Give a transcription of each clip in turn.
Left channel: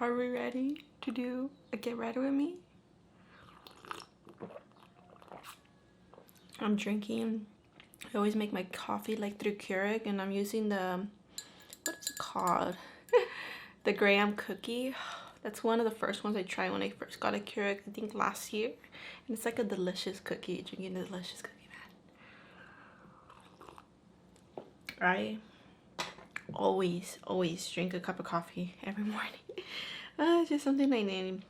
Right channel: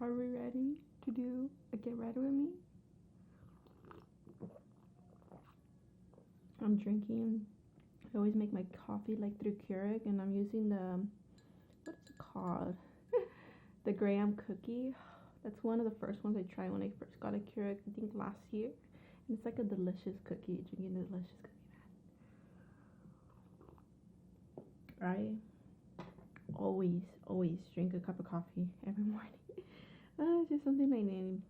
Are we ready to do a get ready with me? I'm drinking, I always make my coffee like through Keurig, and I'm using the, what is it called? The Grwm cookie. That's one of the first ones I tried when I first got a Keurig, I think last year. And it's like a delicious cookie, drinking a delicious cookie, man. I always drink a cup of coffee every morning. It's just something I need.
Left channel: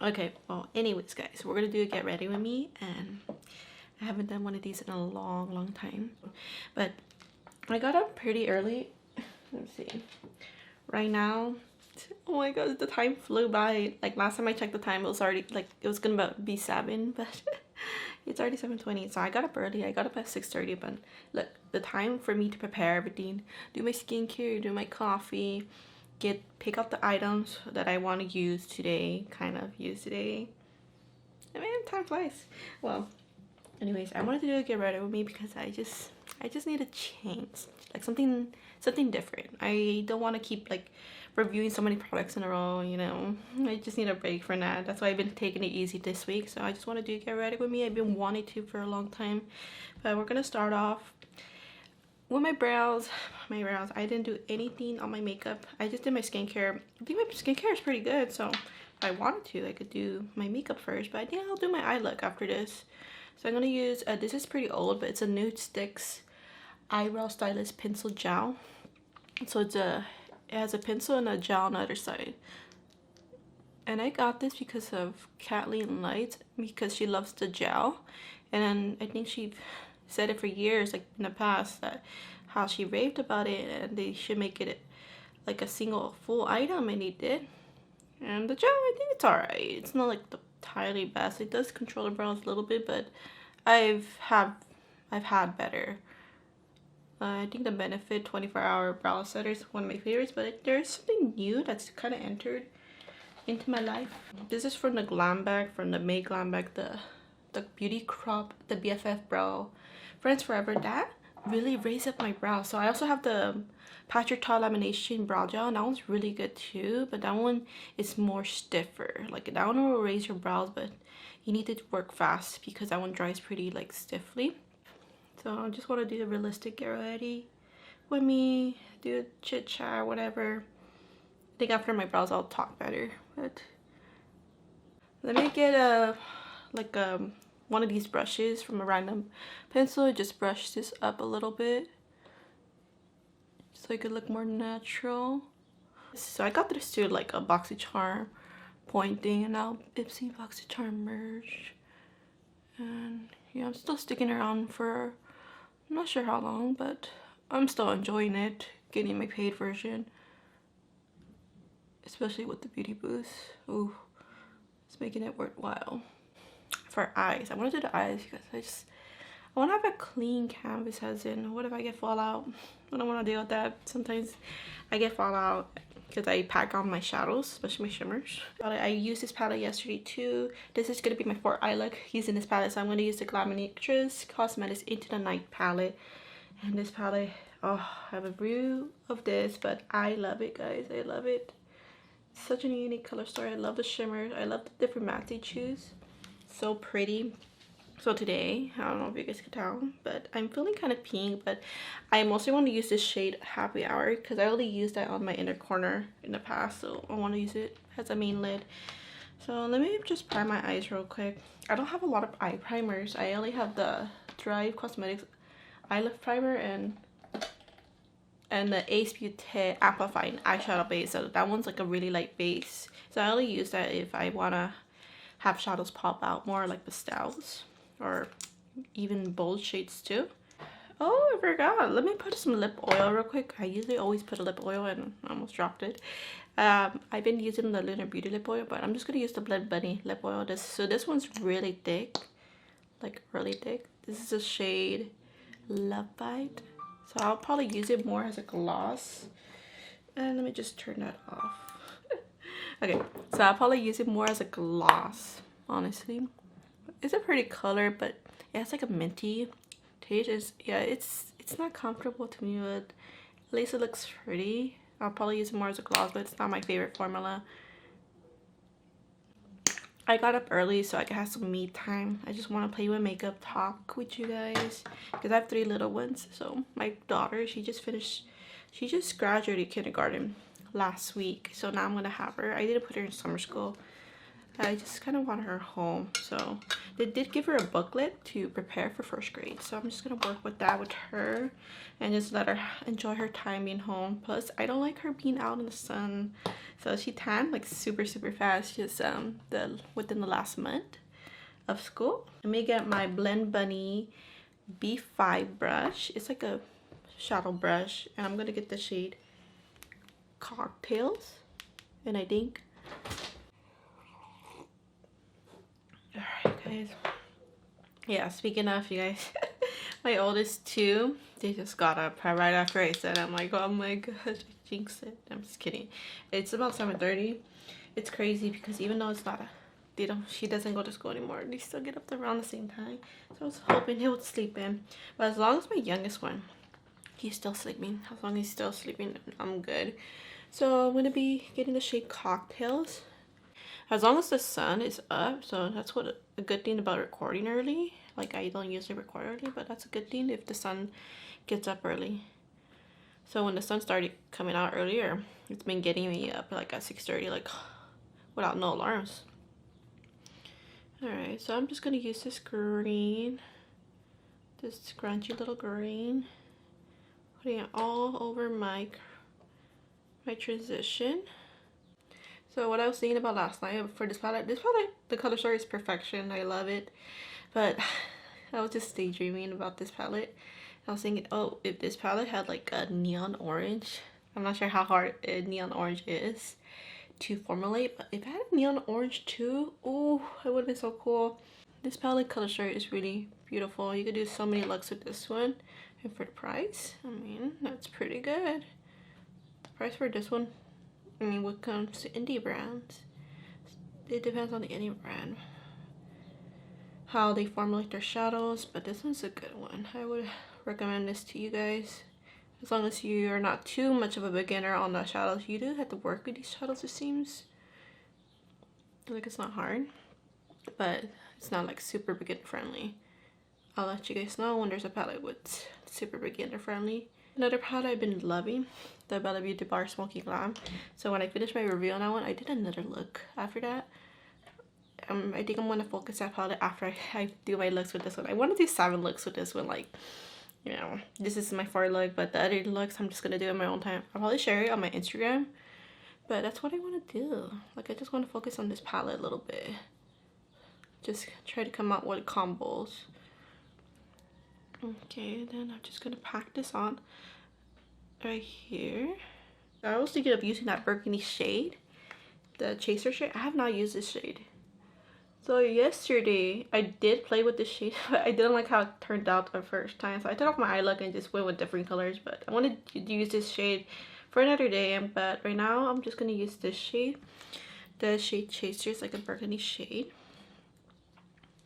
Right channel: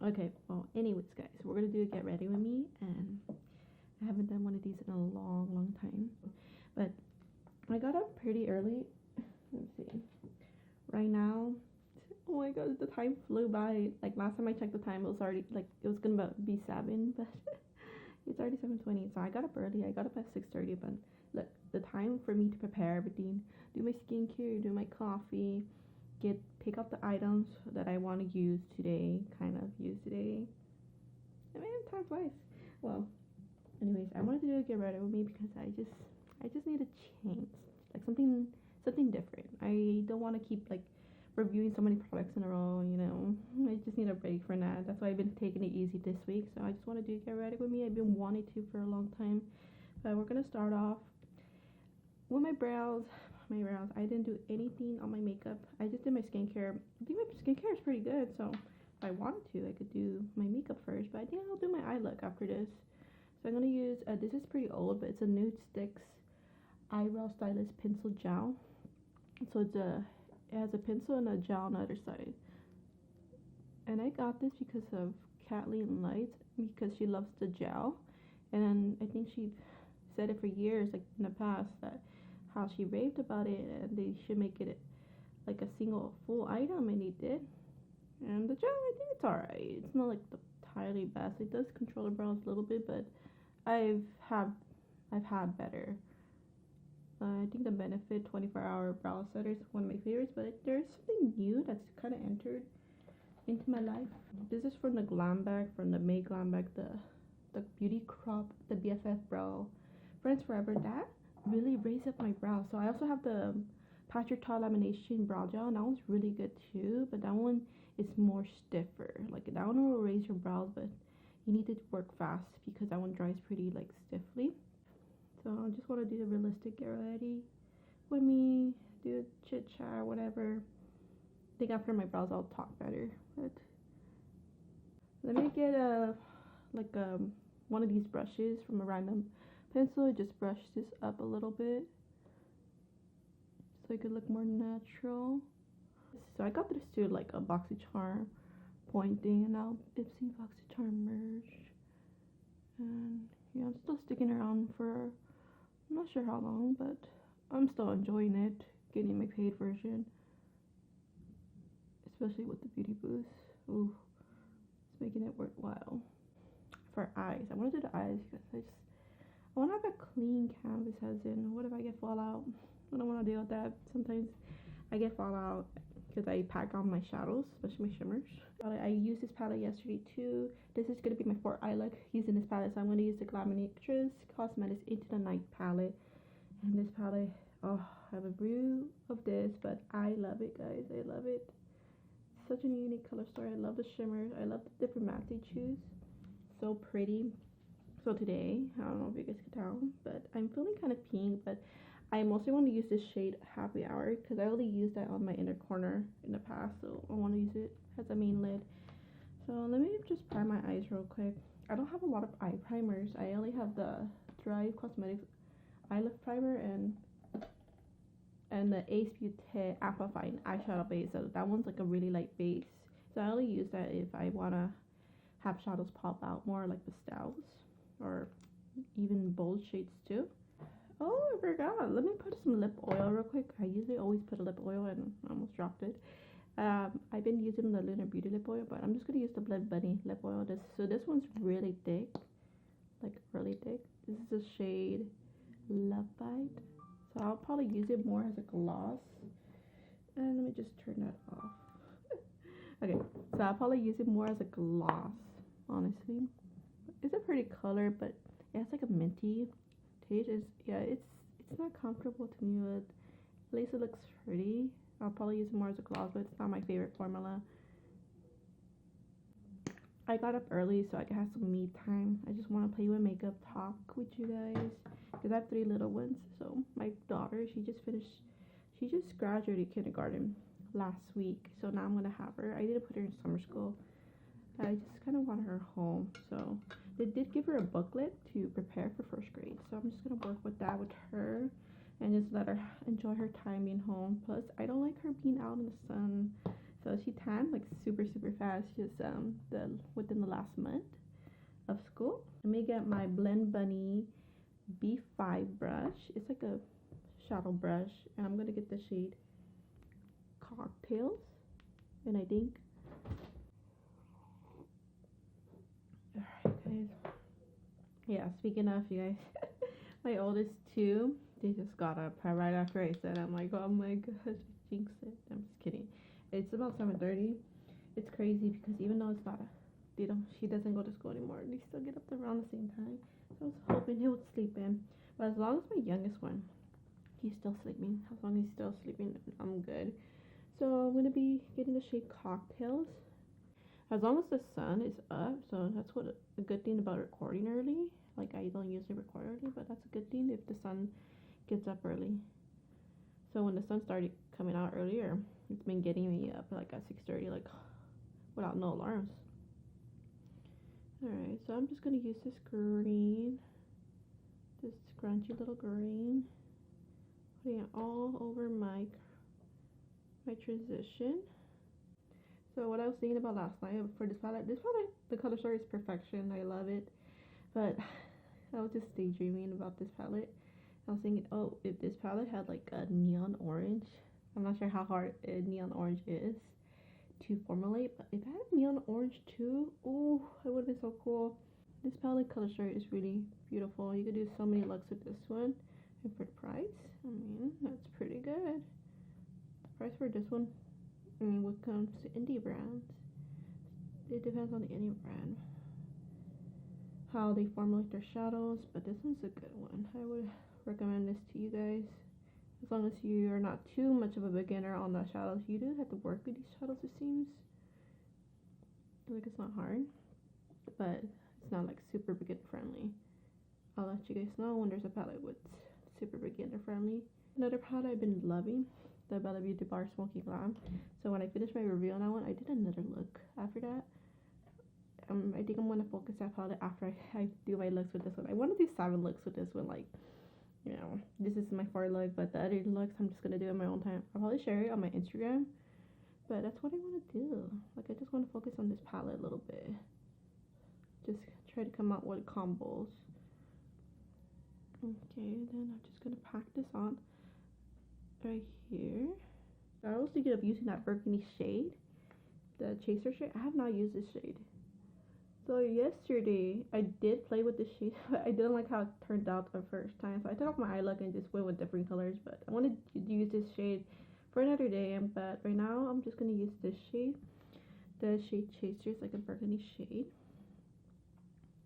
Okay, well, anyways, guys, we're gonna do a get ready with me, and I haven't done one of these in a long time. But I got up pretty early. Let's see. Right now, oh my god, the time flew by. Like last time I checked the time, it was already like it was gonna be 7, but it's already 7:20. So I got up early. I got up at 6:30. But look, the time for me to prepare everything, do my skincare, do my coffee, pick out the items that I want to use today. I mean, time flies. Well, anyways, I wanted to do a get ready with me because I just need a change, like something different. I don't want to keep like reviewing so many products in a row, you know. I just need a break for that. That's why I've been taking it easy this week. So I just want to do get ready with me. I've been wanting to for a long time. But we're gonna start off with my brows. I didn't do anything on my makeup. I just did my skincare. I think my skincare is pretty good, so if I wanted to, I could do my makeup first, but I think I'll do my eye look after this. So I'm gonna use this is pretty old, but it's a Nude Sticks eyebrow stylist pencil gel. So it has a pencil and a gel on the other side. And I got this because of Kathleen Light, because she loves the gel. And I think she said it for years, like in the past, that how she raved about it and they should make it like a single full item, and they did. And the gel, I think it's alright. It's not like the entirely best. It does control the brows a little bit, but I've had better. I think the Benefit 24-hour brow setter is one of my favorites, but there's something new that's kind of entered into my life. This is from the Glam Bag, from the May Glam Bag, the Beauty Crop, the BFF Brow Friends Forever. That really raised up my brows. So I also have the Patrick Ta Lamination Brow Gel, and that one's really good too, but that one is more stiffer. Like that one will raise your brows, but you need to work fast because that one dries pretty like stiffly. So I just want to do a realistic get ready with me, do a chit chat, whatever. I think after my brows I'll talk better. But let me get one of these brushes from a random pencil. Just brush this up a little bit so it could look more natural. So I got this to like a BoxyCharm pointing, and now Ipsy BoxyCharm merge. And yeah, I'm still sticking around for I'm not sure how long, but I'm still enjoying it, getting my paid version, especially with the beauty boost. Ooh, it's making it worthwhile. For eyes, I want to do the eyes because I want to have a clean canvas, as in, what if I get fallout? I don't want to deal with that. Sometimes I get fallout because I pack on my shadows, especially my shimmers. I used this palette yesterday too. This is going to be my 4th eye look using this palette. So I'm going to use the Glaminatrix Cosmetics Into the Night palette. And this palette, oh, I have a brew of this, but I love it, guys. I love it. It's such a unique color story. I love the shimmers. I love the different mattes they choose. So pretty. So today, I don't know if you guys can tell, but I'm feeling kind of pink, but I mostly want to use this shade Happy Hour because I only used that on my inner corner in the past, so I want to use it as a main lid. So let me just prime my eyes real quick. I don't have a lot of eye primers. I only have the Gerard Cosmetics eye lift primer and the Ace Beaute Amplifying eyeshadow base. So that one's like a really light base. So I only use that if I want to have shadows pop out more, like pastels or even bold shades too. Oh, I forgot. Let me put some lip oil real quick. I usually always put a lip oil and I almost dropped it. I've been using the Lunar Beauty lip oil, but I'm just gonna use the Blend Bunny lip oil. This one's really thick, like really thick. This is a shade Love Bite. So I'll probably use it more as a gloss. And let me just turn that off. Okay, so I'll probably use it more as a gloss, honestly. It's a pretty color, but yeah, it's like a minty taste. Yeah, it's not comfortable to me, but at least it looks pretty. I'll probably use it more as a gloss, but it's not my favorite formula. I got up early so I could have some me time. I just want to play with makeup, talk with you guys, because I have 3 little ones. So my daughter, she just graduated kindergarten last week, so now I'm gonna have her. I didn't put her in summer school. I just kind of want her home. So they did give her a booklet to prepare for 1st grade, so I'm just gonna work with that with her and just let her enjoy her time being home. Plus I don't like her being out in the sun, so she tanned like super fast just within the last month of school. Let me get my Blend Bunny B5 brush. It's like a shadow brush, and I'm gonna get the shade Cocktails, and I think, alright guys, yeah, speaking of, you guys, my oldest 2, they just got up right after I said, I'm like, oh my gosh, I jinxed it. I'm just kidding. It's about 7:30. It's crazy because even though it's not she doesn't go to school anymore, they still get up around the same time. So I was hoping he would sleep in, but as long as my youngest one, he's still sleeping, as long as he's still sleeping, I'm good. So I'm gonna be getting the shade Cocktails, as long as the sun is up. So that's what a good thing about recording early. Like, I don't usually record early, but that's a good thing if the sun gets up early. So when the sun started coming out earlier, it's been getting me up like at 6:30, like without no alarms. Alright, so I'm just gonna use this green, this scrunchy little green, putting it all over my transition. So what I was thinking about last night for this palette, the color story is perfection. I love it, but I was just daydreaming about this palette. I was thinking, oh, if this palette had like a neon orange, I'm not sure how hard a neon orange is to formulate, but if I had a neon orange too, oh, it would have been so cool. This palette color story is really beautiful. You could do so many looks with this one, and for the price, I mean, that's pretty good. Price for this one, I mean, what comes to indie brands, it depends on the indie brand, how they formulate their shadows, but this one's a good one. I would recommend this to you guys, as long as you are not too much of a beginner on the shadows. You do have to work with these shadows, it seems like it's not hard, but it's not like super beginner friendly. I'll let you guys know when there's a palette with super beginner friendly. Another palette I've been loving, the Bella Beauty Bar Smoky Glam. So when I finished my review on that one, I did another look after that. I think I'm going to focus that palette after I do my looks with this one. I want to do 7 looks with this one. Like, you know, this is my 4th look, but the other looks I'm just going to do in my own time. I'll probably share it on my Instagram, but that's what I want to do. Like, I just want to focus on this palette a little bit. Just try to come out with combos. Okay, then I'm just going to pack this on right here. I was thinking of using that burgundy shade, the chaser shade. I have not used this shade. So yesterday I did play with this shade, but I didn't like how it turned out the first time. So I took off my eye look and just went with different colors. But I wanted to use this shade for another day. But right now I'm just gonna use this shade. The shade Chaser is like a burgundy shade.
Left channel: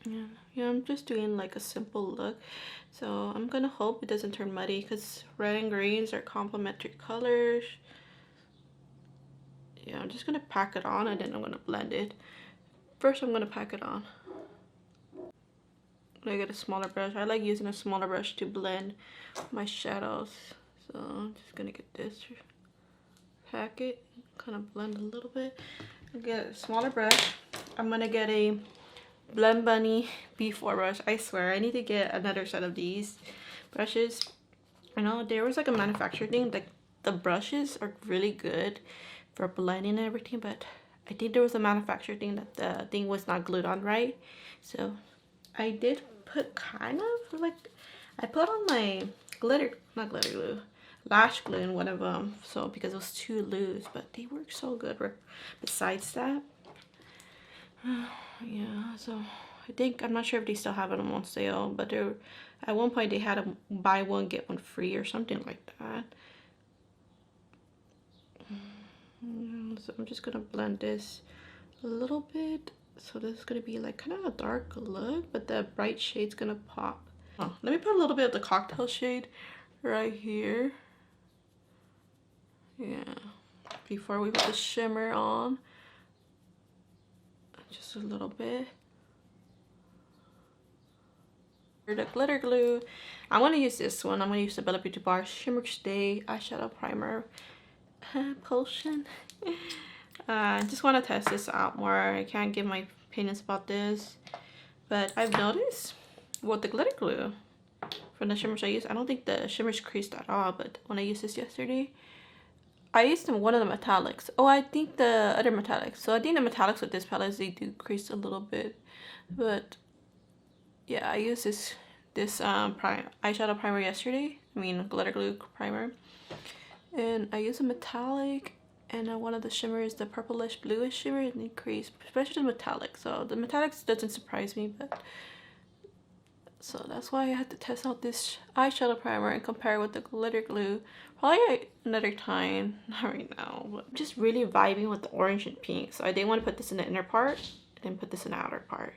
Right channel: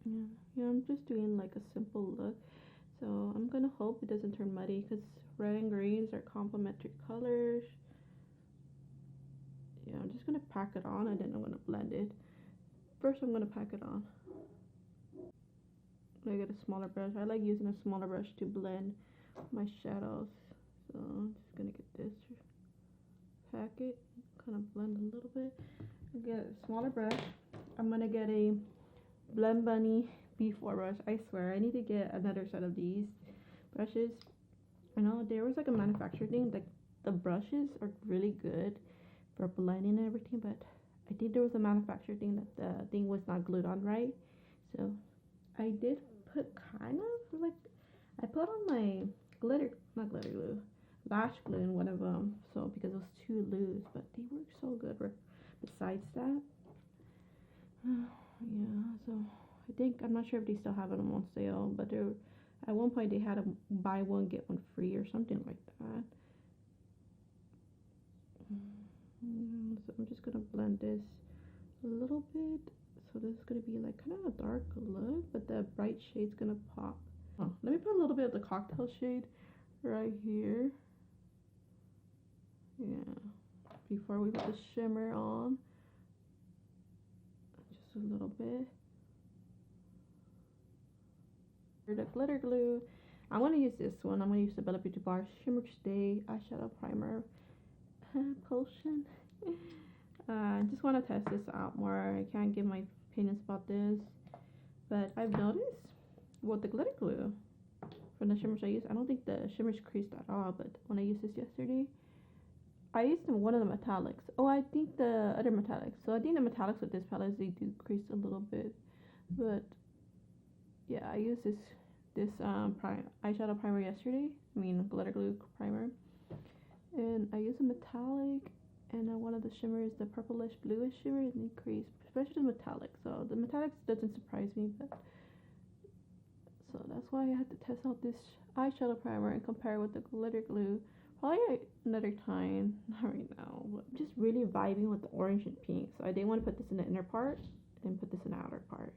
Yeah, I'm just doing like a simple look. So I'm gonna hope it doesn't turn muddy, because red and greens are complementary colors. Yeah, I'm just gonna pack it on and then I'm gonna blend it. First I'm gonna pack it on. I get a smaller brush. I like using a smaller brush to blend my shadows. So I'm just gonna get this, pack it, kind of blend a little bit. Get a smaller brush. I'm gonna get a Blend Bunny B4 brush. I swear I need to get another set of these brushes. I know there was like a manufacturer thing, like the brushes are really good for blending and everything, but I think there was a manufacturer thing that the thing was not glued on right. So I did put kind of like, I put on my not glitter glue, lash glue in one of them, so because it was too loose, but they work so good. Besides that, yeah, so I think, I'm not sure if they still have it on sale, but there at one point they had a buy one get one free or something like that. So I'm just gonna blend this a little bit. So this is gonna be like kind of a dark look, but the bright shade's gonna pop. Oh, let me put a little bit of the cocktail shade right here. Yeah, before we put the shimmer on. Just just a little bit. For the glitter glue, I'm going to use this one. I'm going to use the Bella Beauty Bar Shimmer Stay Eyeshadow Primer Potion. I just want to test this out more. I can't give my opinions about this, but I've noticed with the glitter glue from the shimmers I use, I don't think the shimmers creased at all, but when I used this yesterday, I used one of the metallics. Oh, I think the other metallics. So I think the metallics with this palette, they do crease a little bit, but yeah, I used this eyeshadow primer yesterday. I mean glitter glue primer, and I used a metallic and one of the shimmers, the purplish bluish shimmer, and it creased, especially the metallic. So the metallics doesn't surprise me, but so that's why I had to test out this eyeshadow primer and compare it with the glitter glue. Probably another time, not right now, but I'm just really vibing with the orange and pink. So I didn't want to put this in the inner part and put this in the outer part.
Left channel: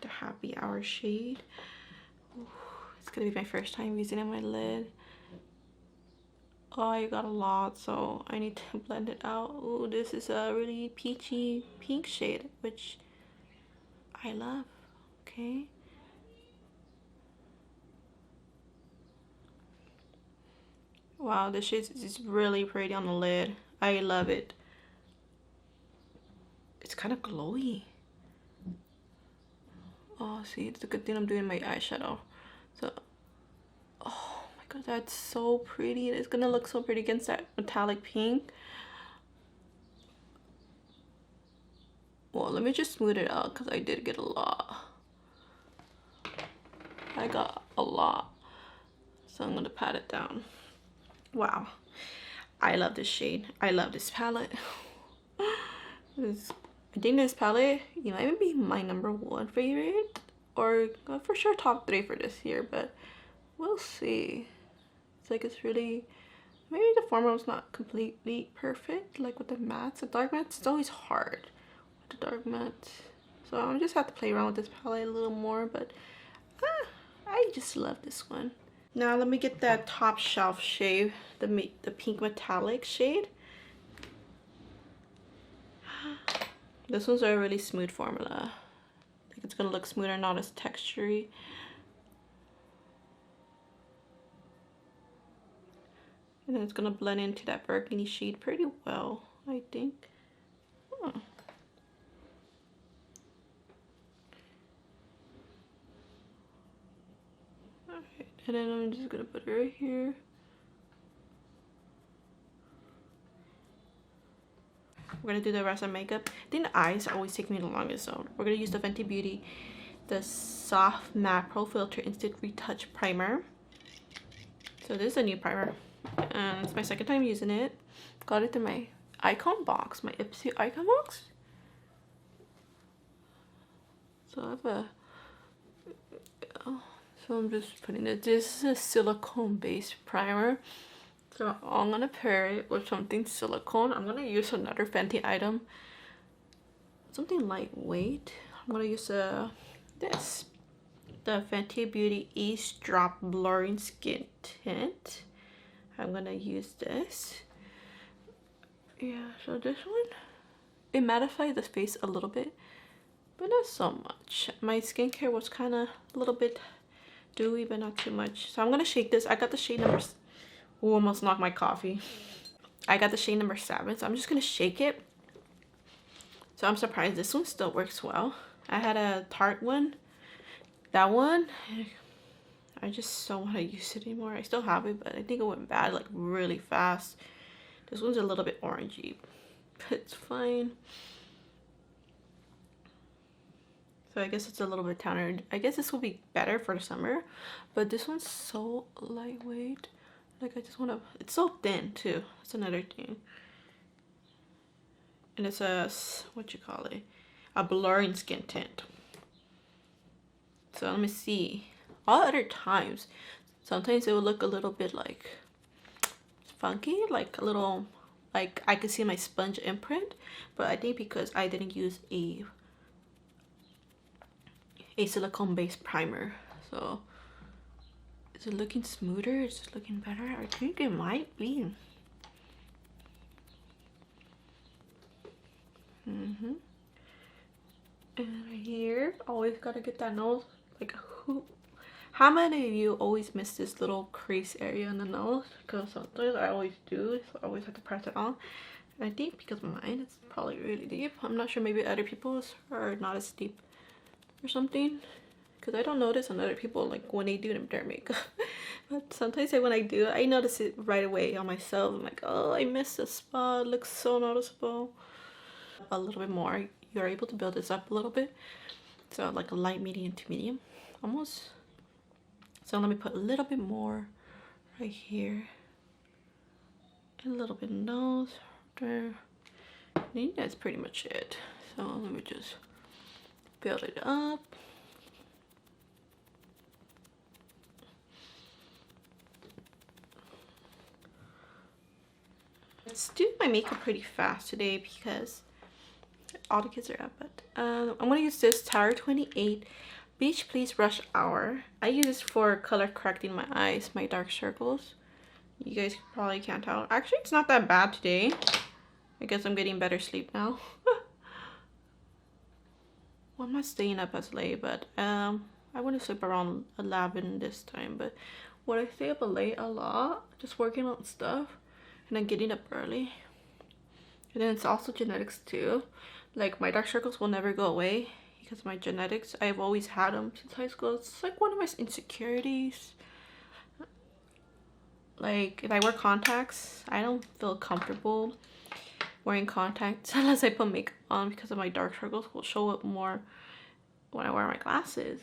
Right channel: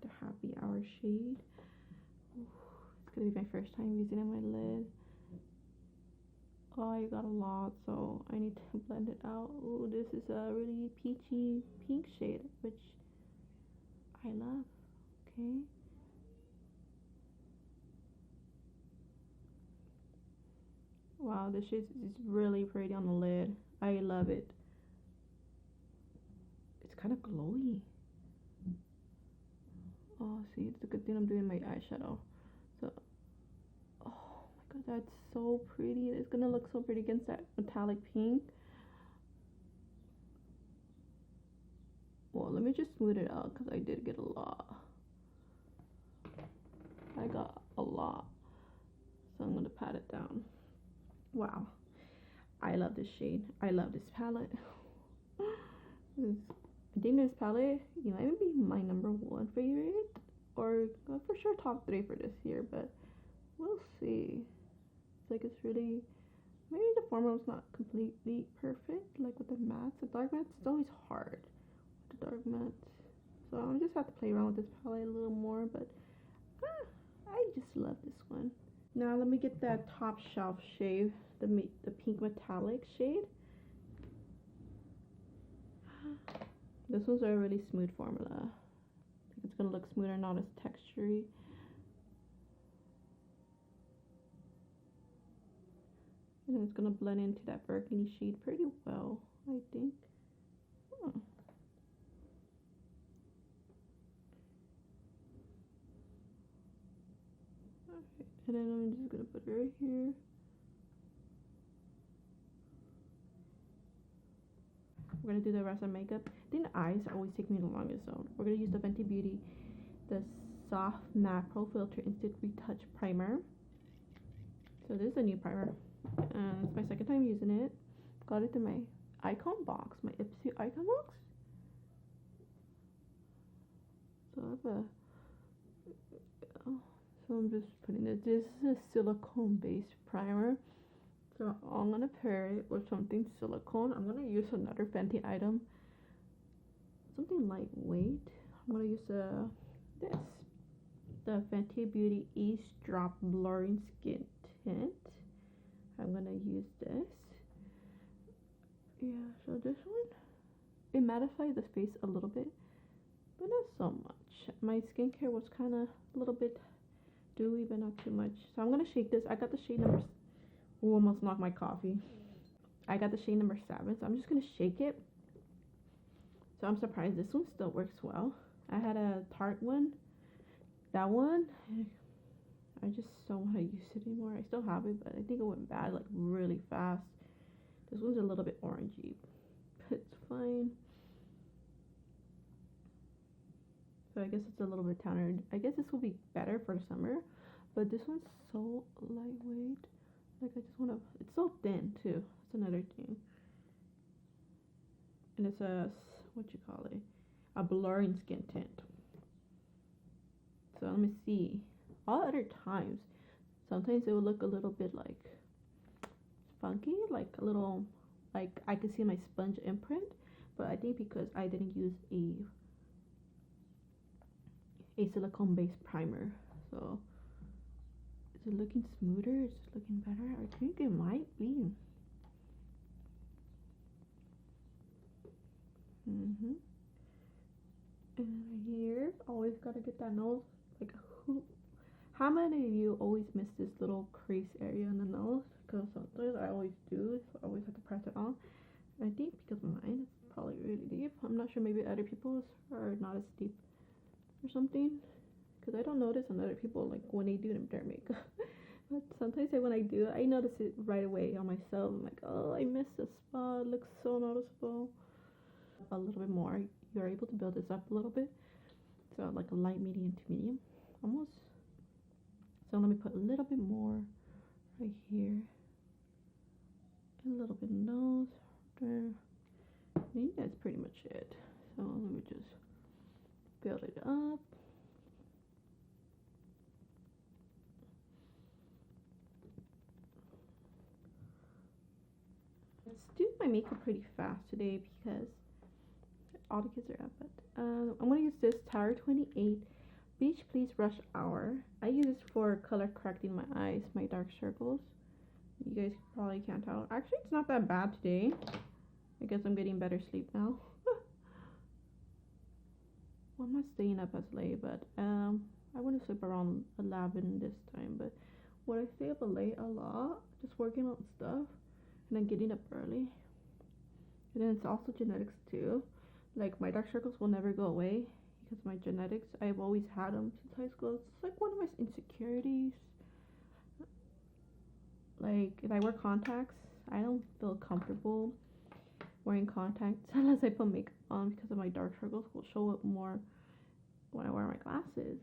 The Happy Hour shade. Ooh, it's gonna be my first time using it on my lid. Oh, I got a lot, so I need to blend it out. Ooh, this is a really peachy pink shade, which I love. Okay. Wow, this shade is really pretty on the lid. I love it. It's kind of glowy. Oh, see, it's a good thing I'm doing my eyeshadow. So, oh my god, that's so pretty. It's gonna look so pretty against that metallic pink. Well, let me just smooth it out because I did get a lot. I got a lot. So I'm gonna pat it down. Wow. I love this shade. I love this palette. I think this palette, you might even be my #1 favorite, or for sure top 3 for this year, but we'll see. It's like it's really, maybe the formula's not completely perfect, like with the mattes. The dark mattes, it's always hard with the dark mattes. So I just have to play around with this palette a little more, but I just love this one. Now let me get that top shelf shade, the pink metallic shade. This one's a really smooth formula. I think it's gonna look smoother, not as textury. And then it's gonna blend into that burgundy shade pretty well, I think. Oh. Alright, and then I'm just gonna put it right here. We're gonna do the rest of makeup. I think the eyes always take me the longest, so we're gonna use the Fenty Beauty, the Soft Matte Pro Filter Instant Retouch Primer. So this is a new primer, and it's my second time using it. Got it in my icon box, my Ipsy icon box. So I have a, so I'm just putting it. This is a silicone based primer. So I'm gonna pair it with something silicone. I'm gonna use another Fenty item, something lightweight. I'm gonna use the Fenty Beauty Ease Drop Blurring Skin Tint. I'm gonna use this. Yeah, so this one, it mattified the face a little bit, but not so much. My skincare was kind of a little bit dewy, but not too much. So I'm gonna shake this. I got the shade number. Ooh, almost knocked my coffee. I got the shade number 7, so I'm just gonna shake it. So I'm surprised this one still works well. I had a Tarte one. That one, I just don't want to use it anymore. I still have it, but I think it went bad like really fast. This one's a little bit orangey, but it's fine. So I guess it's a little bit towner. I guess this will be better for the summer, but this one's so lightweight. Like I just want to, it's so thin too. That's another thing. And it's a, what you call it? A blurring skin tint. So let me see. All other times, sometimes it will look a little bit like funky, like a little, like I could see my sponge imprint. But I think because I didn't use a silicone based primer, so is it looking smoother? Is it looking better? I think it might be. And right here, always gotta get that nose. Like, how many of you always miss this little crease area in the nose? Because sometimes I always do, so I always have to press it on. And I think because mine is probably really deep. I'm not sure, maybe other people's are not as deep or something. Because I don't notice on other people, like when they do their makeup. But sometimes when I do, I notice it right away on myself. I'm like, oh, I missed a spot. It looks so noticeable. A little bit more. You're able to build this up a little bit. So like a light, medium to medium. Almost. So let me put a little bit more right here. And a little bit nose there. I think that's pretty much it. So let me just build it up. Let's do my makeup pretty fast today because all the kids are up. But I'm gonna use this Tower 28 Beach Please Rush Hour. I use this for color correcting my eyes, my dark circles. You guys probably can't tell. Actually, it's not that bad today. I guess I'm getting better sleep now. Well, I'm not staying up as late, but I want to sleep around 11 this time. But when I stay up late a lot, just working on stuff and then getting up early. And then it's also genetics too. Like my dark circles will never go away because of my genetics. I've always had them since high school. It's like one of my insecurities. Like if I wear contacts, I don't feel comfortable wearing contacts unless I put makeup on because of my dark circles will show up more when I wear my glasses.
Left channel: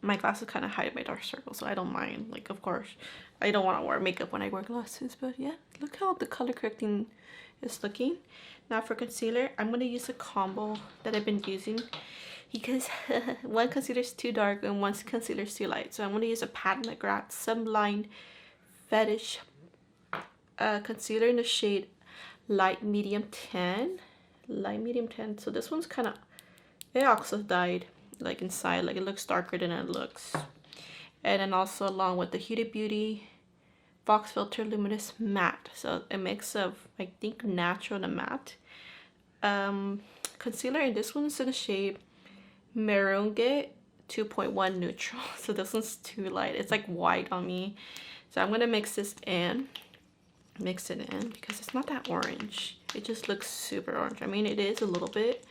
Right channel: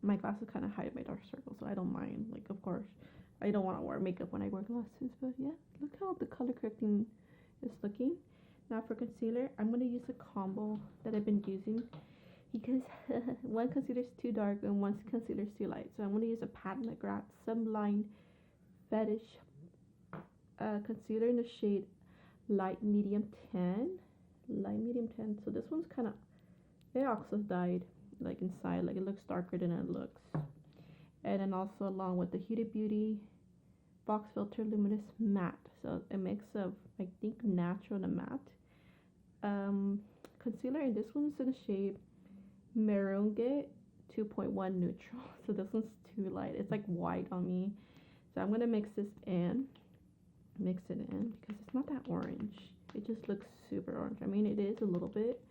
My glasses kind of hide my dark circles, so I don't mind. Like, of course, I don't want to wear makeup when I wear glasses, but yeah, look how the color correcting is looking. Now for concealer, I'm going to use a combo that I've been using because one concealer is too dark and one concealer is too light. So I'm going to use a Pat McGrath Sunblind Fetish concealer in the shade Light Medium 10. Light Medium 10. So this one's kind of, it also dyed like inside, like it looks darker than it looks. And then also along with the Huda Beauty Box Filter Luminous Matte. So a mix of, I think, natural and matte. Concealer, and this one's in the shade Merengue 2.1 Neutral. So this one's too light. It's like white on me. So I'm going to mix this in. Mix it in because it's not that orange. It just looks super orange. I mean, it is a little bit.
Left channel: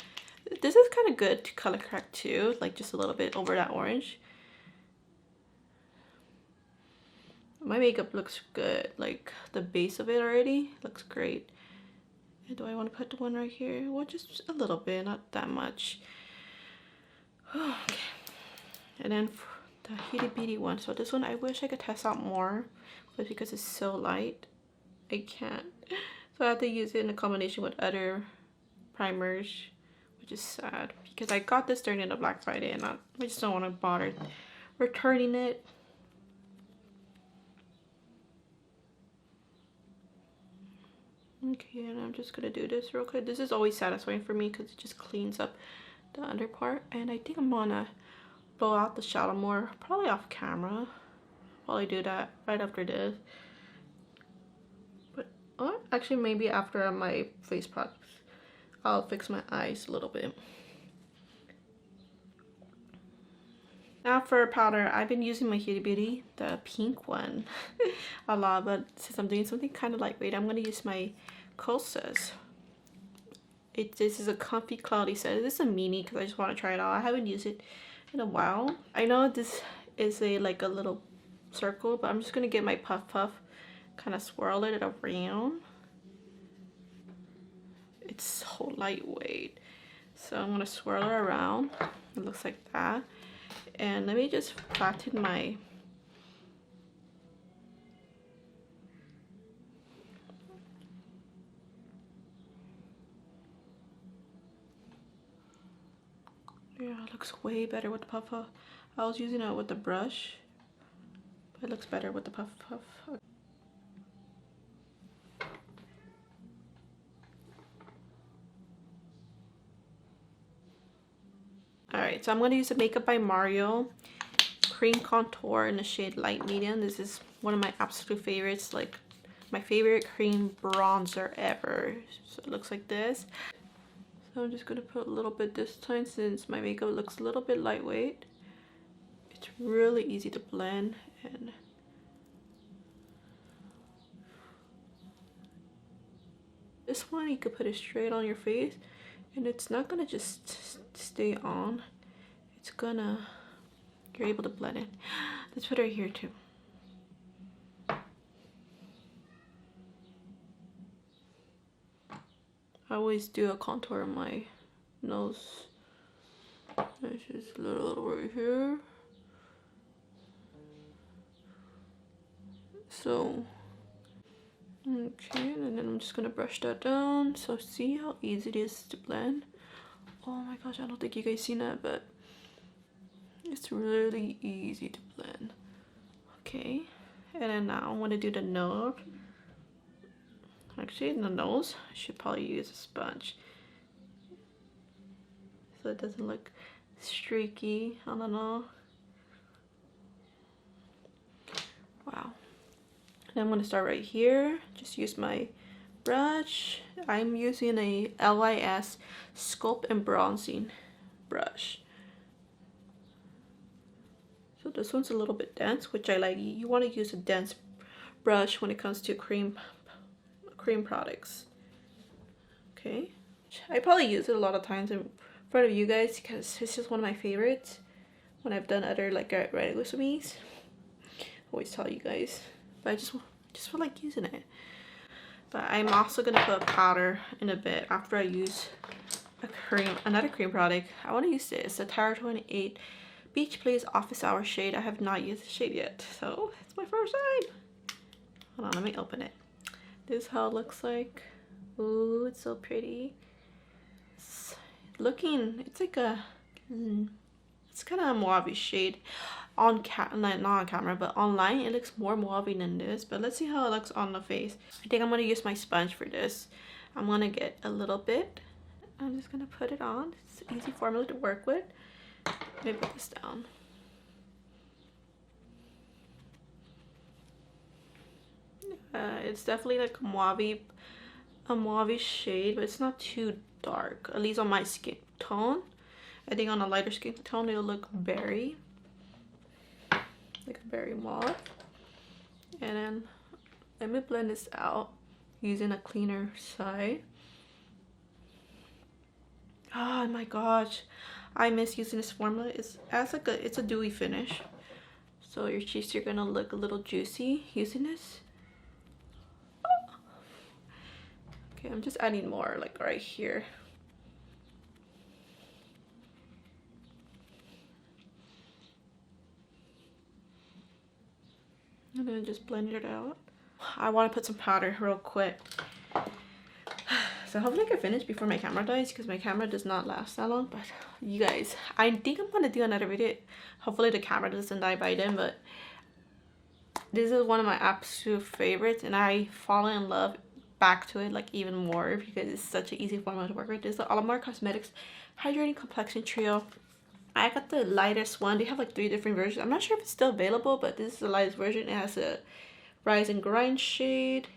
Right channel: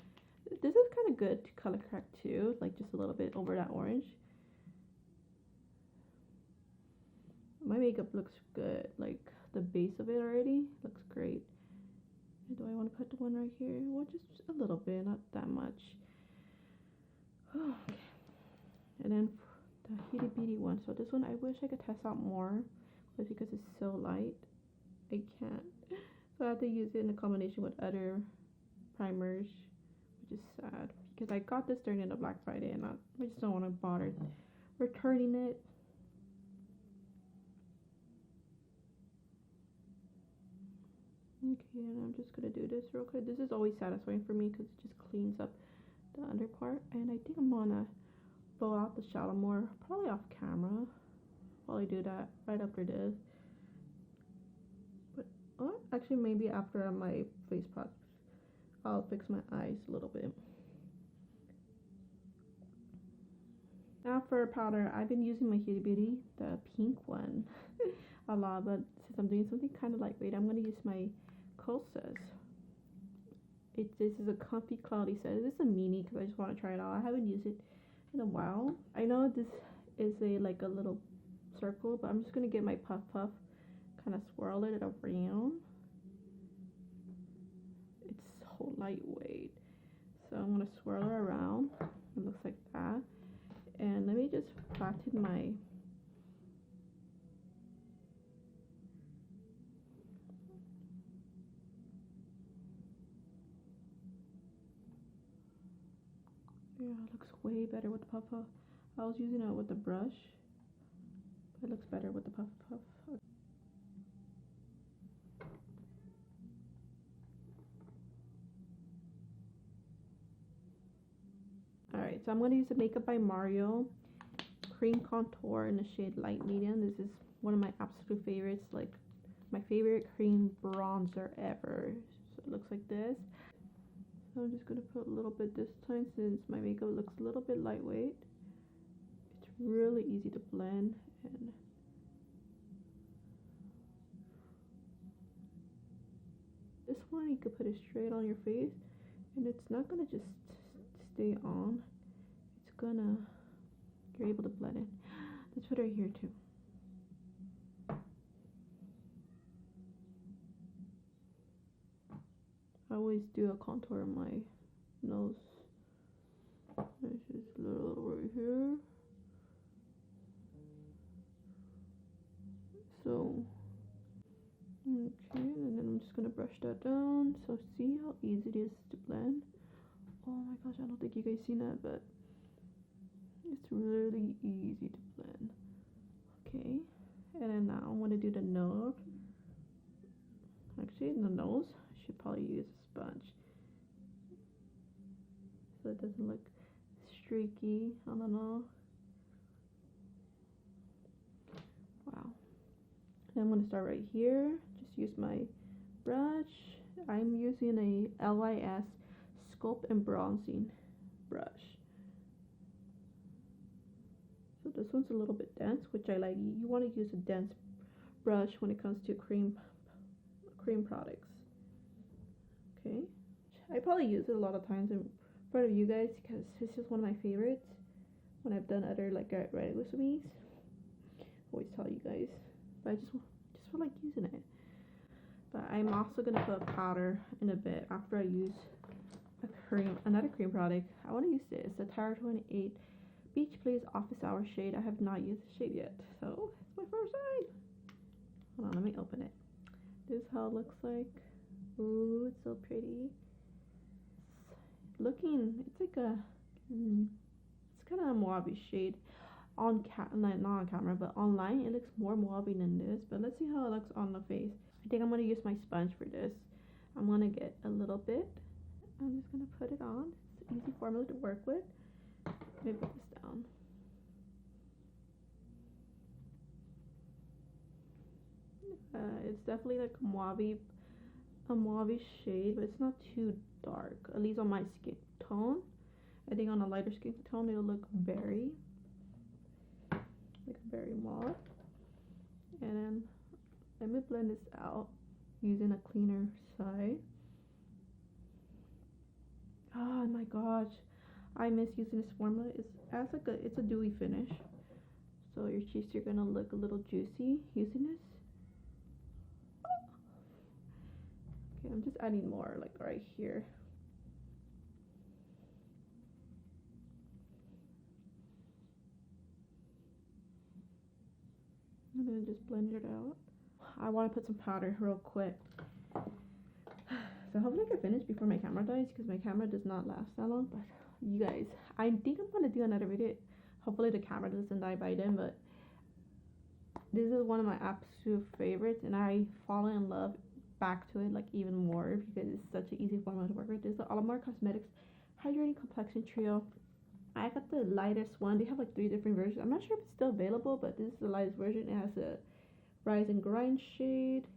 This is kind of good to color correct too. Like just a little bit over that orange. My makeup looks good, like the base of it already looks great. And do I want to put the one right here? Well, just a little bit, not that much. Okay. And then for the Huda Beauty one, so this one I wish I could test out more, but because it's so light, I can't. So I have to use it in a combination with other primers, which is sad because I got this during the Black Friday and I just don't want to bother returning it. Okay, and I'm just gonna do this real quick. This is always satisfying for me because it just cleans up the under part. And I think I'm gonna blow out the shadow more, probably off camera. While I do that right after this. But actually maybe after my face products, I'll fix my eyes a little bit. Now for powder, I've been using my Huda Beauty, the pink one, a lot, but since I'm doing something kind of lightweight, I'm going to use my Cosmetics. This is a comfy cloudy set. This is a mini because I just want to try it out. I haven't used it in a while. I know this is like a little circle, but I'm just going to get my puff, kind of swirl it around. It's so lightweight. So I'm going to swirl it around. It looks like that. And let me just flatten my yeah, it looks way better with the puff. I was using it with the brush, but it looks better with the puff. Alright, so I'm going to use the Makeup by Mario Cream Contour in the shade Light Medium. This is one of my absolute favorites, like my favorite cream bronzer ever. So it looks like this. So I'm just gonna put a little bit this time since my makeup looks a little bit lightweight. It's really easy to blend, and this one you could put it straight on your face and it's not gonna just stay on. It's gonna, you're able to blend it. Let's put it right here too. I always do a contour on my nose. It's just a little right here. So, okay, and then I'm just gonna brush that down. So see how easy it is to blend? Oh my gosh, I don't think you guys seen that, but it's really easy to blend. Okay, and then now I'm gonna do the nose. Actually, in the nose, I should probably use a sponge so it doesn't look streaky. I don't know. Wow. And I'm gonna start right here. Just use my brush. I'm using a LYS Sculpt and Bronzing brush. So this one's a little bit dense, which I like. You want to use a dense brush when it comes to cream products. Okay, I probably use it a lot of times in front of you guys because it's just one of my favorites when I've done other like writing with me. Always tell you guys, but I just feel like using it. But I'm also gonna put powder in a bit after I use another cream product. I want to use this, the Tower 28 Beach Please Office Hour shade. I have not used the shade yet, so it's my first time. Hold on, let me open it. This is how it looks like. Ooh, it's so pretty. It's like a, it's kind of a mauve shade on not on camera, but online it looks more mauve than this. But let's see how it looks on the face. I think I'm gonna use my sponge for this. I'm gonna get a little bit. I'm just gonna put it on. It's an easy formula to work with. Let me put this down. It's definitely like a mauve shade, but it's not too dark, at least on my skin tone. I think on a lighter skin tone it'll look berry, like a berry mauve. And then let me blend this out using a cleaner side. Oh my gosh, I miss using this formula. It's a dewy finish, so your cheeks are gonna look a little juicy using this. Okay, I'm just adding more like right here. And then just blend it out. I want to put some powder real quick. So hopefully I can finish before my camera dies, because my camera does not last that long. But you guys, I think I'm going to do another video. Hopefully the camera doesn't die by then, but this is one of my absolute favorites, and I fall in love back to it like even more because it's such an easy formula to work with. This is the Alamar Cosmetics Hydrating Complexion Trio. I got the lightest one. They have like 3 different versions. I'm not sure if it's still available, but this is the lightest version. It has a Rise and Grind shade,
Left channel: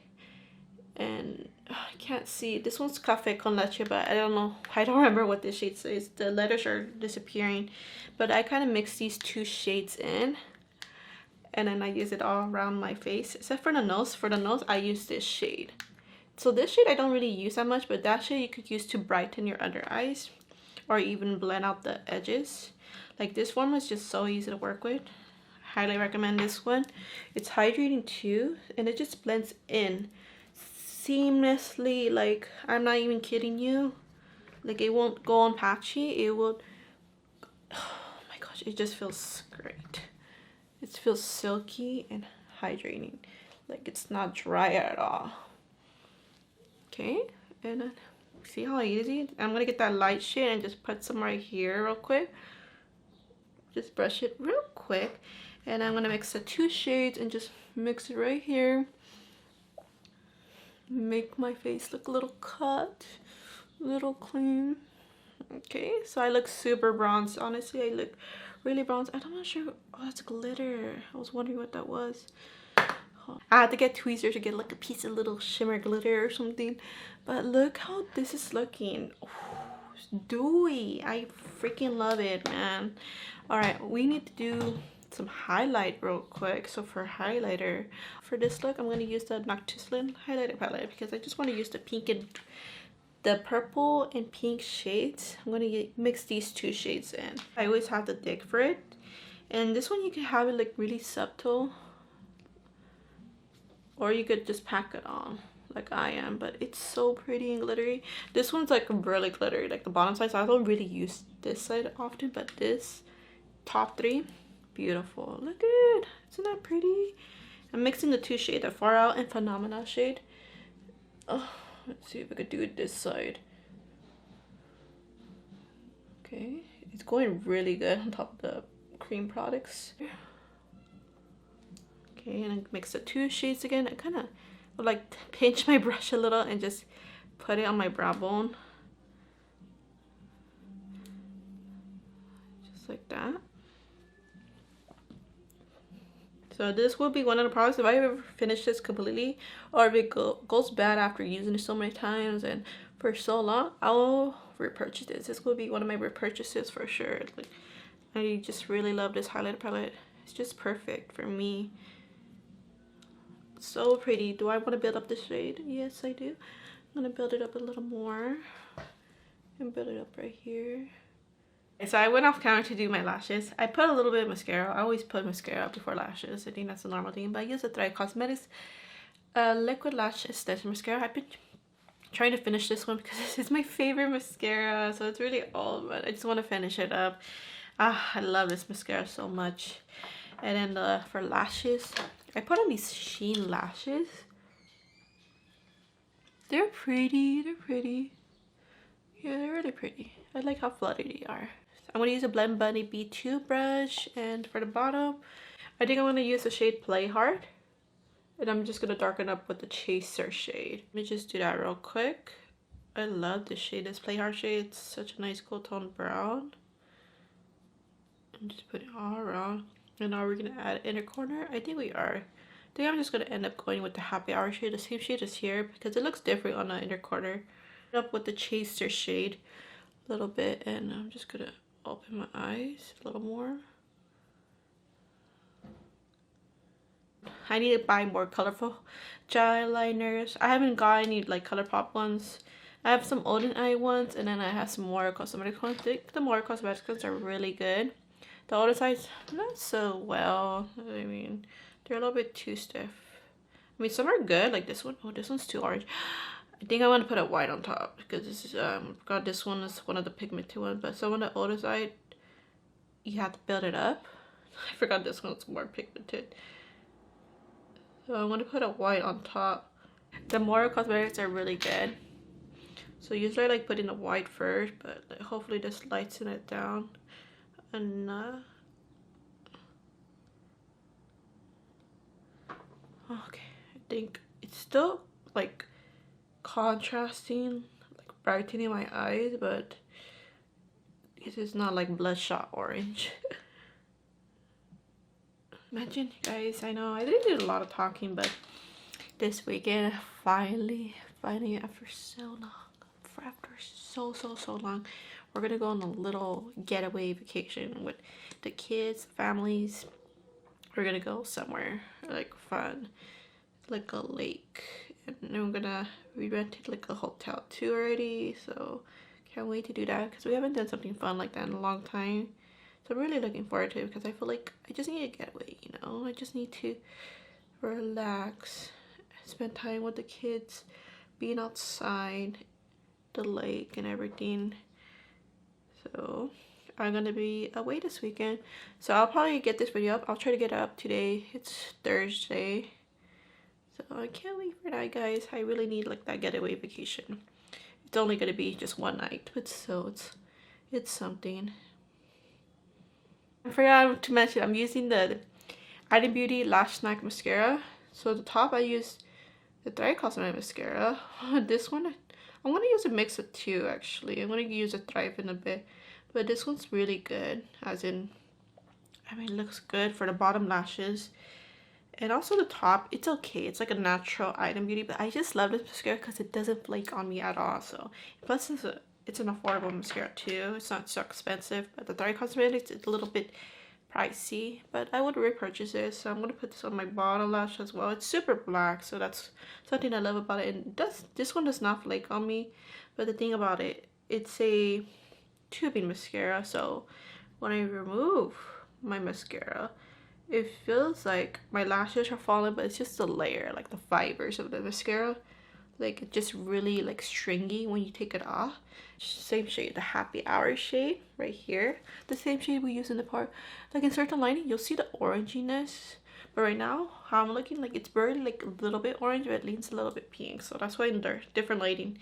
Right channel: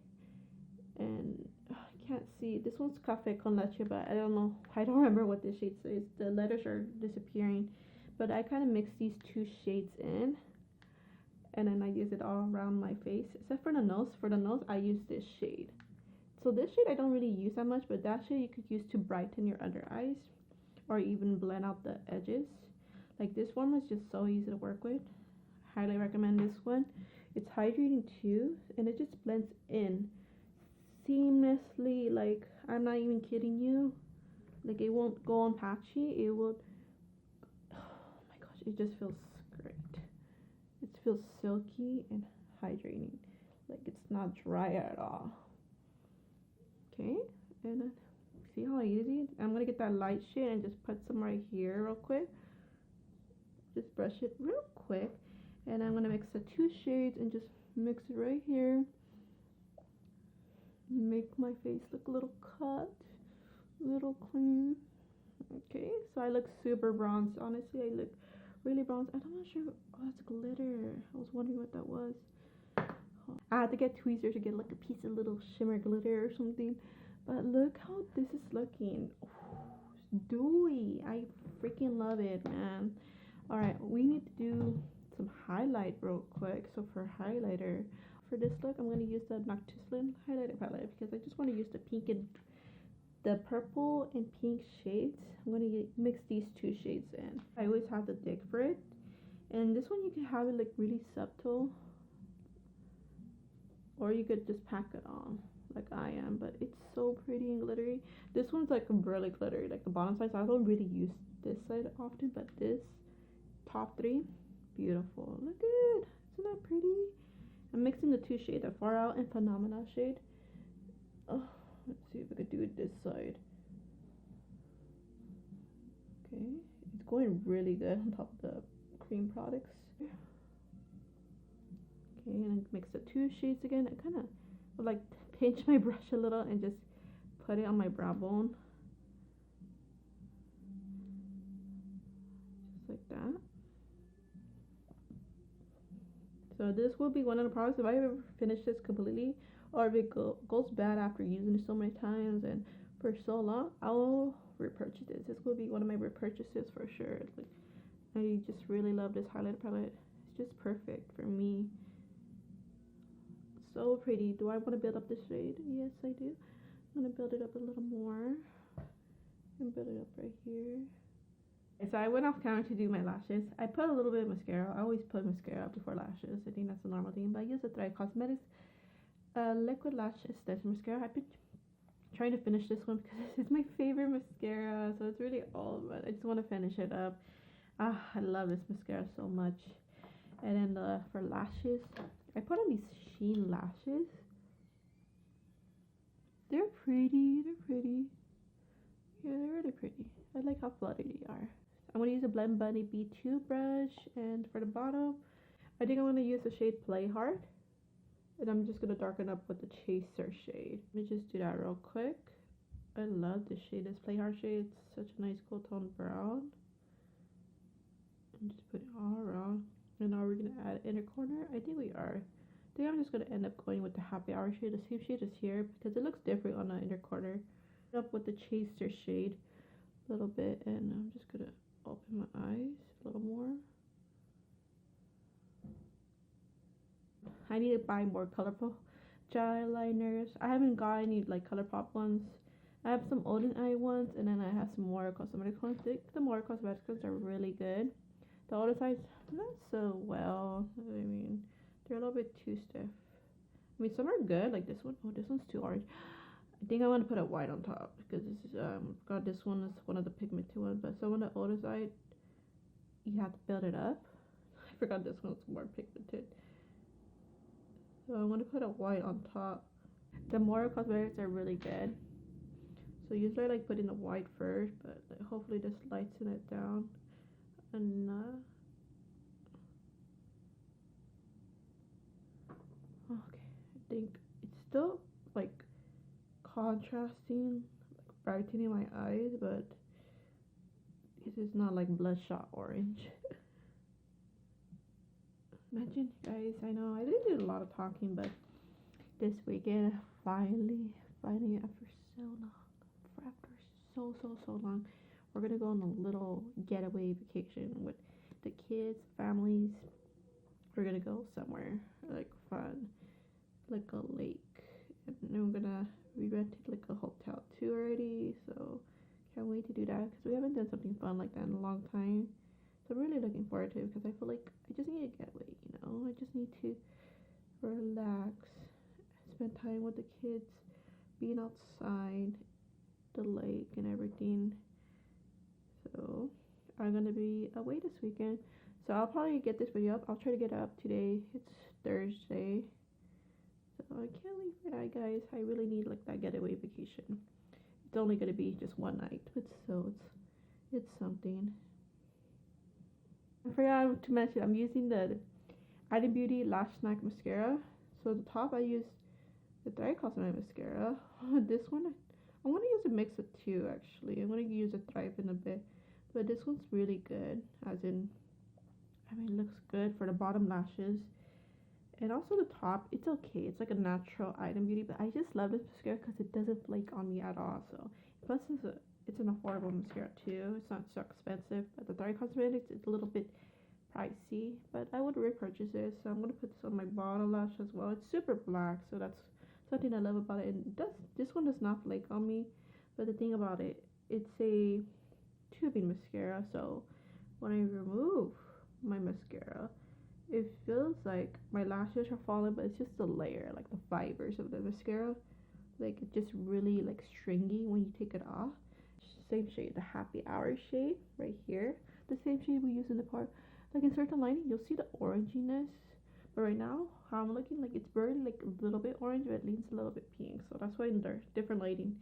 and I can't see. This one's Café con Leche, but I don't know. I don't remember what this shade says. The letters are disappearing, but I kind of mix these 2 shades in, and then I use it all around my face, except for the nose. For the nose, I use this shade. So this shade I don't really use that much, but that shade you could use to brighten your under eyes or even blend out the edges. Like this one was just so easy to work with. Highly recommend this one. It's hydrating too, and it just blends in seamlessly. Like, I'm not even kidding you. Like, it won't go on patchy. It will, oh my gosh, it just feels great. It feels silky and hydrating. Like, it's not dry at all. Okay, and then see how easy? I'm gonna get that light shade and just put some right here real quick. Just brush it real quick, and I'm gonna mix the 2 shades and just mix it right here. Make my face look a little cut, a little clean. Okay, so I look super bronzed. Honestly, I look really bronzed. I'm not sure. Oh, that's glitter. I was wondering what that was. I had to get tweezers to get like a piece of little shimmer glitter or something. But look how this is looking. Ooh, Dewy. I freaking love it, man. All right, we need to do some highlight real quick. So for highlighter, for this look, I'm gonna use the Noctilucent highlighter palette because I just want to use the pink and the purple and pink shades. I'm gonna mix these two shades in. I always have to dig for it, and this one you can have it like really subtle, or you could just pack it on like I am, but it's so pretty and glittery. This one's like really glittery, like the bottom side, so I don't really use this side often, but this top three, beautiful. Look at it, isn't that pretty? I'm mixing the two shades, the Far Out and Phenomena shade. Oh, let's see if I could do it this side. Okay, it's going really good on top of the cream products. Okay, and I mix the two shades again. I kind of would like pinch my brush a little and just put it on my brow bone. Just like that. So this will be one of the products, if I ever finish this completely, or if it goes bad after using it so many times and for so long, I'll repurchase this. This will be one of my repurchases for sure. Like, I just really love this highlighter palette. It's just perfect for me. So pretty. Do I want to build up the shade? Yes, I do. I'm going to build it up a little more and build it up right here. So I went off camera to do my lashes. I put a little bit of mascara. I always put mascara before lashes. I think that's a normal thing. But I use the Cosmetics liquid lash extension mascara. I've been trying to finish this one because this is my favorite mascara. So it's really old, but I just want to finish it up. I love this mascara so much. And then for lashes, I put on these Shein Lashes. They're pretty. They're pretty. Yeah, they're really pretty. I like how fluffy they are. I'm going to use a Blend Bunny B2 brush, and for the bottom, I think I'm going to use the shade Play Hard, and I'm just going to darken up with the Chaser shade. Let me just do that real quick. I love this shade, this Play Hard shade. It's such a nice cool tone brown. And just put it all around. And now we're going to add inner corner. I think we are. I think I'm just going to end up going with the Happy Hour shade, the same shade as here, because it looks different on the inner corner. Up with the Chaser shade a little bit, and I'm just gonna open my eyes a little more. I need to buy more colorful gel liners. I haven't got any like ColourPop ones. I have some Olden Eye ones, and then I have some more Cosmetics ones. I think the more Cosmetics ones are really good. The older sides, not so well. I mean, they're a little bit too stiff. I mean, some are good, like this one. Oh, this one's too orange. I think I want to put a white on top because this is got this one is one of the pigmented ones, but some on the older side you have to build it up. I forgot this one's more pigmented, so I want to put a white on top. The more Cosmetics are really good, so usually I like putting the white first, but like, hopefully this lightens it down enough. Okay, I think it's still like contrasting, like brightening my eyes, but this is not like bloodshot orange. Imagine, guys, I know I didn't do a lot of talking, but this weekend finally after so long, we're gonna go on a little getaway vacation with the kids, families. We're gonna go somewhere like fun, like a lake, and then we rented like a hotel too already, so can't wait to do that because we haven't done something fun like that in a long time. So I'm really looking forward to it because I feel like I just need to get away, you know? I just need to relax, spend time with the kids, being outside, the lake and everything. So I'm gonna be away this weekend, so I'll probably get this video up. I'll try to get it up today. It's Thursday. So I can't wait for that, guys. I really need like that getaway vacation. It's only gonna be just one night, but so it's something. I forgot to mention I'm using the Beauty Lash Snack Mascara. So the top I use the Gerard Cosmetics mascara. This one I'm gonna use a mix of two actually. I'm gonna use a Thrive in a bit, but this one's really good. As in, I mean, it looks good for the bottom lashes. And also the top, it's okay. It's like a natural item beauty, but I just love this mascara because it doesn't flake on me at all. So plus it's an affordable mascara too. It's not so expensive, but the Gerard Cosmetics is a little bit pricey, but I would repurchase it. So I'm gonna put this on my bottom lash as well. It's super black, so that's something I love about it. And this one does not flake on me, but the thing about it, it's a tubing mascara, so when I remove my mascara, it feels like my lashes are falling, but it's just the layer, like the fibers of the mascara, like it's just really like stringy when you take it off. Same shade, the Happy Hour shade right here, the same shade we use in the part. Like in certain lighting you'll see the oranginess, but right now how I'm looking, like it's very like a little bit orange, but it leans a little bit pink, so that's why in the different lighting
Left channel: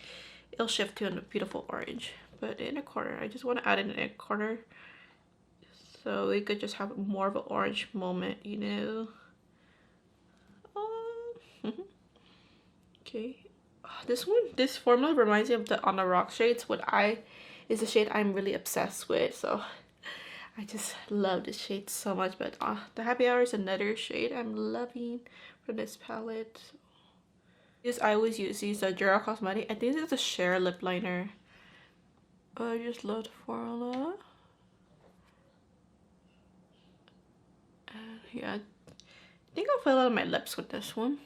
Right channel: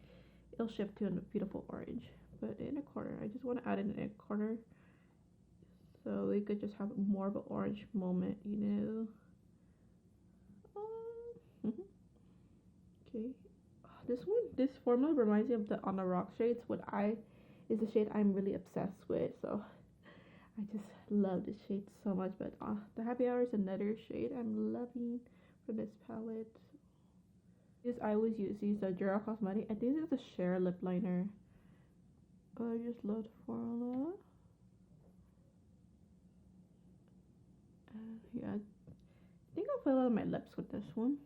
it'll shift to a beautiful orange. But in a corner, I just want to add in a corner so we could just have more of an orange moment, you know. Okay, this formula reminds me of the On the Rock shades, is a shade I'm really obsessed with, so I just love this shade so much. But the Happy Hour is another shade I'm loving from this palette. I always use these Gerard Cosmetics. I think it's a Cher lip liner. I just love the formula. Yeah, I think I'll fill out my lips with this one.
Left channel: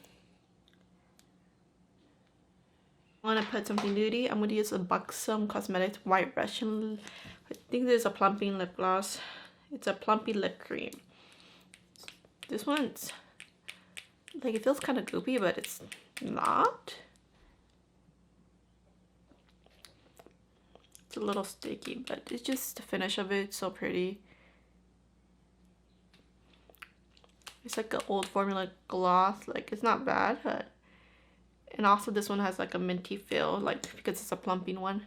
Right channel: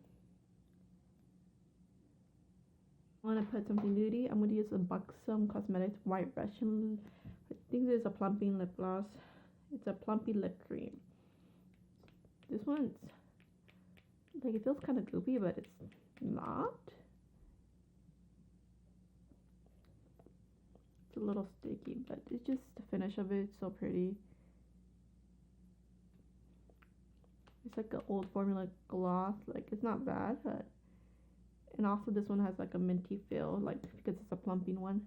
I want to put something nudie. I'm going to use a Buxom Cosmetics White Russian. I think this is a Plumping lip gloss. It's a Plumpy lip cream. This one's like, it feels kind of goopy, but it's not. It's a little sticky, but it's just the finish of it. It's so pretty. It's like an old formula gloss. Like, it's not bad, but and also this one has like a minty feel, like because it's a plumping one.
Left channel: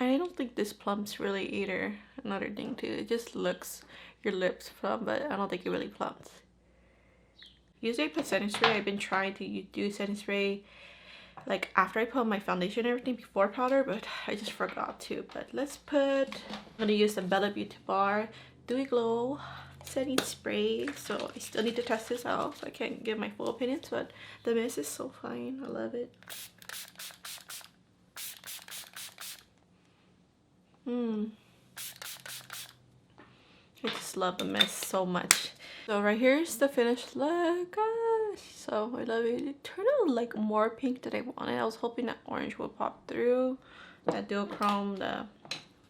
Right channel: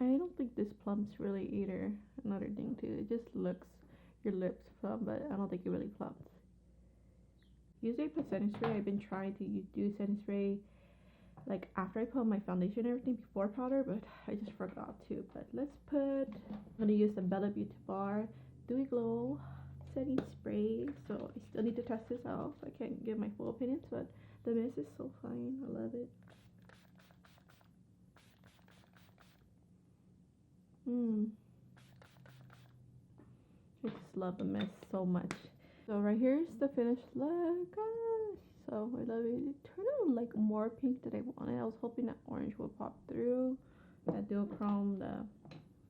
I don't think this plumps really either. Another thing too, it just looks your lips plump, but I don't think it really plumps. Usually I put setting spray. I've been trying to do setting spray like after I put on my foundation and everything before powder, but I just forgot to. But I'm gonna use the Bella Beauty Bar Dewy Glow setting spray. So I still need to test this out, so I can't give my full opinions, but the mist is so fine. I love it. I just love the mist so much. So right here's the finished look, gosh, so I love it. It turned out like more pink than I wanted. I was hoping that orange would pop through, that duochrome,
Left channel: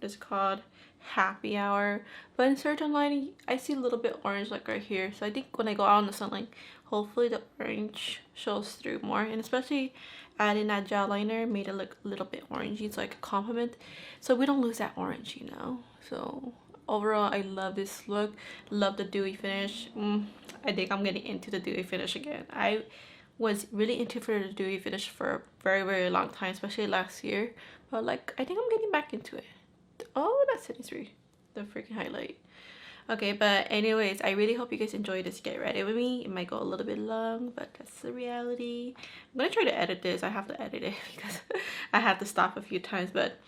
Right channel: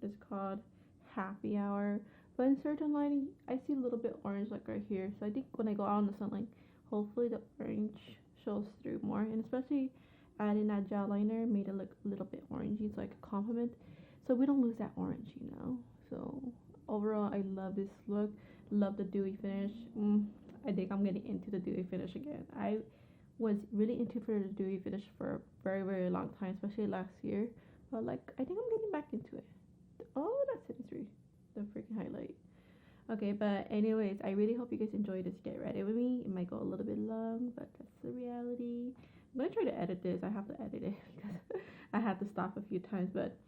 what's it called, Happy Hour, but in certain lighting I see a little bit orange like right here. So I think when I go out in the sunlight, hopefully the orange shows through more, and especially adding that gel liner made it look a little bit orangey, so I could complement, so we don't lose that orange, you know. So overall, I love this look. Love the dewy finish. I think I'm getting into the dewy finish again. I was really into the dewy finish for a very, very long time, especially last year. But like, I think I'm getting back into it. Oh, that's setting spray, the freaking highlight. Okay, but anyways, I really hope you guys enjoyed this get ready with me. It might go a little bit long, but that's the reality. I'm gonna try to edit this. I have to edit it because I had to stop a few times, but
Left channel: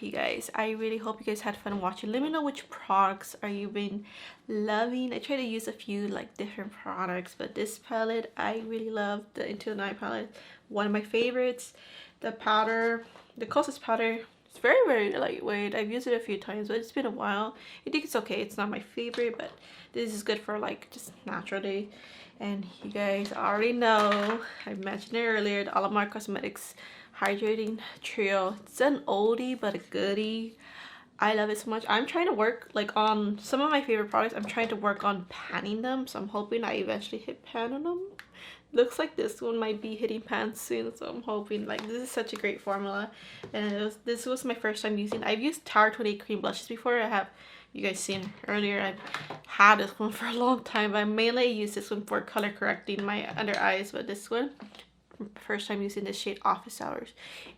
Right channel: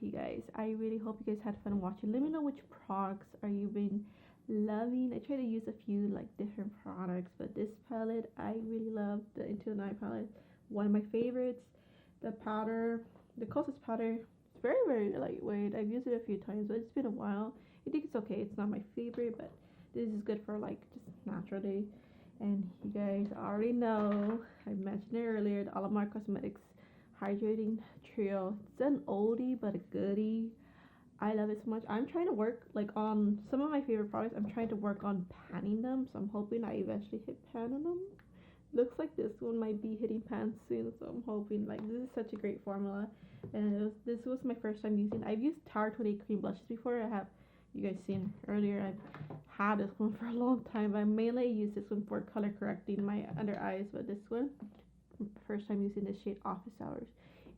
you guys, I really hope you guys had fun watching. Let me know which products are you been loving. I try to use a few like different products, but this palette I really love. The Into the Night palette, one of my favorites. The powder, the Cosmetics powder, it's very, very lightweight. I've used it a few times, but it's been a while. I think it's okay. It's not my favorite, but this is good for like just natural day. And you guys already know, I mentioned it earlier, the Alamar Cosmetics Hydrating Trio. It's an oldie but a goodie. I love it so much. I'm trying to work like on some of my favorite products. I'm trying to work on panning them, so I'm hoping I eventually hit pan on them. Looks like this one might be hitting pan soon, so I'm hoping. Like, this is such a great formula, and this was my first time using. I've used Tower 28 cream blushes before. I have, you guys seen earlier, I've had this one for a long time, but I mainly use this one for color correcting my under eyes. But this one, first time using this shade, Office Hours.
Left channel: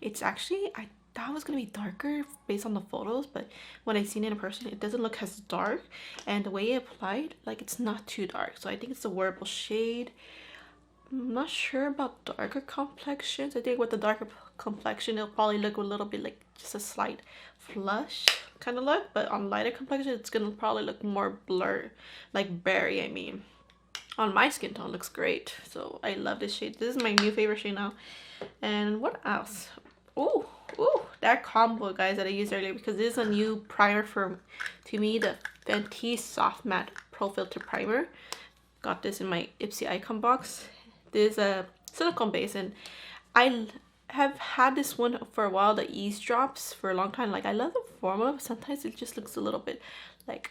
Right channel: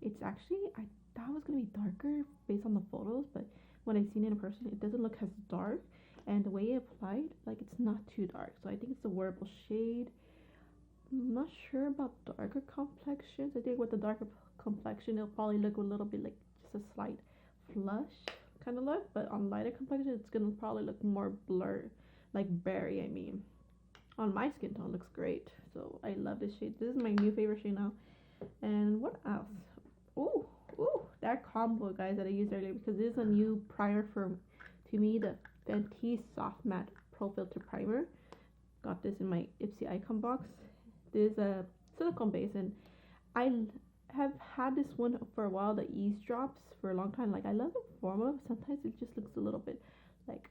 It's actually, I thought it was gonna be darker based on the photos, but when I seen it in person, it doesn't look as dark, and the way it applied, like, it's not too dark. So I think it's a wearable shade. I'm not sure about darker complexions. I think with the darker complexion, it'll probably look a little bit like just a slight flush kind of look, but on lighter complexion, it's gonna probably look more blurred, like berry, I mean. on my skin tone looks great. So I love this shade. This is my new favorite shade now. And what else? Oh, that combo, guys, that I used earlier, because this is a new primer for, to me, the Fenty Soft Matte Pro Filter Primer. Got this in my Ipsy Icon box. This is a silicone base, and I have had this one for a while, the Ease Drops, for a long time. Like, I love the formula, but sometimes it just looks a little bit like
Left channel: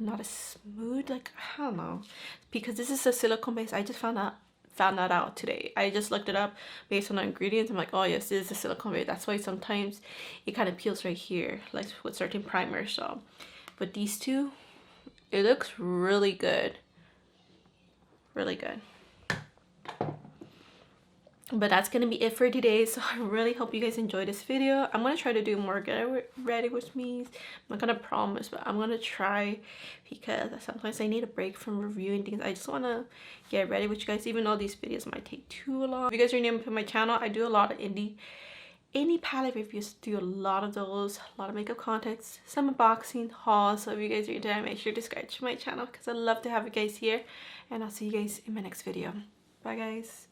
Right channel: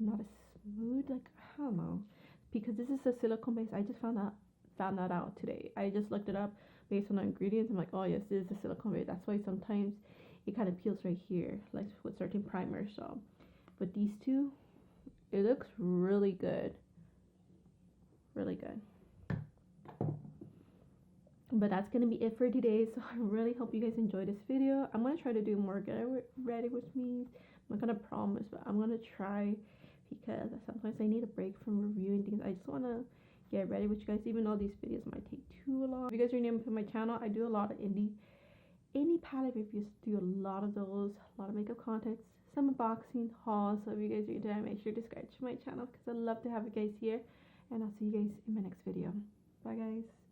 not as smooth. Like, I don't know, because this is a silicone base. I just found that out today. I just looked it up based on the ingredients. I'm like, oh yes, this is a silicone base. That's why sometimes it kind of peels right here, like with certain primers. So, but these two, it looks really good, really good. But that's gonna be it for today. So I really hope you guys enjoyed this video. I'm gonna try to do more get ready with me. I'm not gonna promise, but I'm gonna try, because sometimes I need a break from reviewing things. I just wanna get ready with you guys, even though these videos might take too long. If you guys are new to my channel, I do a lot of indie palette reviews. Do a lot of those, a lot of makeup contents, some unboxing hauls. So if you guys are into that, make sure to subscribe to my channel, because I love to have you guys here. And I'll see you guys in my next video. Bye guys.